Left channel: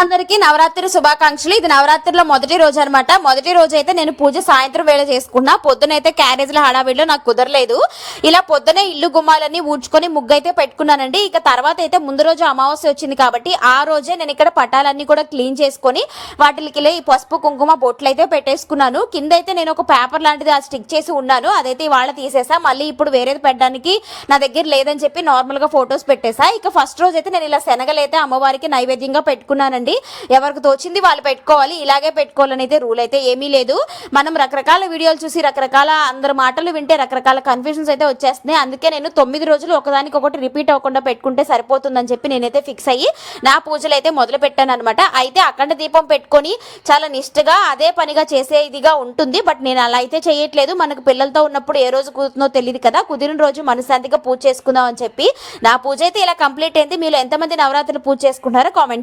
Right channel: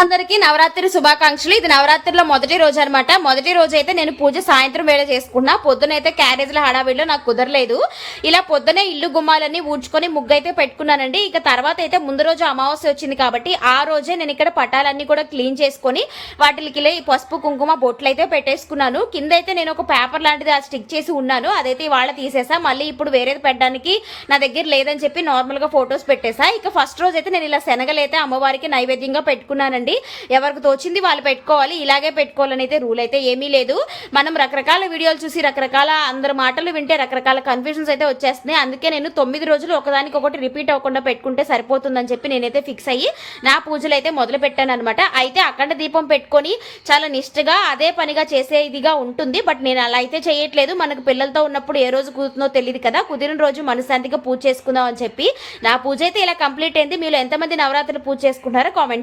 అందరికీ నవరాత్రి శుభాకాంక్షలు. ఇది నవరాత్రిలో మొదటి రోజు అనమాట. మొదటి రోజు అయితే నేను పూజ సాయంత్రం వేళ చేసుకున్నా. పొద్దునైతే క్యారేజ్ల హడావిడిలో నాకు కుదరలేదు. ఇలా పొద్దునే ఇల్లు గుమ్మాలన్నీ ఊడ్చుకొని ముగ్గు అయితే పెట్టుకున్నానండి. ఇక తర్వాత అయితే ముందు రోజు అమావాస్య వచ్చింది కాబట్టి ఆ రోజే నేను ఇక్కడ పటాలన్నీ కూడా క్లీన్ చేసుకొని వాటికి ఈ పసుపు కుంకుమ బొట్లు అయితే పెట్టేసుకున్నాను. కింద అయితే నేను ఒక పేపర్ లాంటిది స్టిక్ చేసి ఉన్నాను. అదైతే ఇవాళ తీసేసా. మళ్ళీ ఇప్పుడు వేరేది పెట్టడానికి నా దగ్గర లేదని చెప్పి నార్మల్గా ఫొటోస్ పెట్టేసా. ఇక ఫస్ట్ రోజు అయితే నేను ఇలా శనగలైతే అమ్మవారికి నైవేద్యంగా పెట్టుకున్నానండి. ఎవరికి తోచింది వాళ్ళు పెట్టుకోవాలి, ఇలాగే పెట్టుకోవాలని అయితే రూల్ అయితే ఏమీ లేదు. మనం రకరకాల వీడియోలు చూసి రకరకాల అందరి మాటలు వింటే రకరకాల కన్ఫ్యూజన్స్ అయితే వచ్చేస్తున్నాయి. అందుకే నేను 9 రోజులు ఒకదానికి ఒకటి రిపీట్ అవ్వకుండా పెట్టుకుంటే సరిపోతుందని చెప్పి నేనైతే ఫిక్స్ అయ్యి నా పూజలు అయితే మొదలు పెట్టాను అనమాట. అయితే అఖండ దీపం పెట్టుకొని చాలా నిష్ఠగా అదే పనిగా చేసేదిగా ఉంటుంది. బట్ నేను అలా అయితే చేయట్లేదు. మనకు పిల్లలతో ఉన్నప్పుడు ఏ రోజు కుదురుతుందో తెలియదు కదా. కుదిరిన రోజు మనశ్శాంతిగా పూజ చేసుకుందాం అని చెప్పి నా పూజ అయితే ఇలా కంప్లీట్ అయింది. మీరు ఎంతమంది నవరాత్రులు పూజ చేసుకుంటారో కామెంట్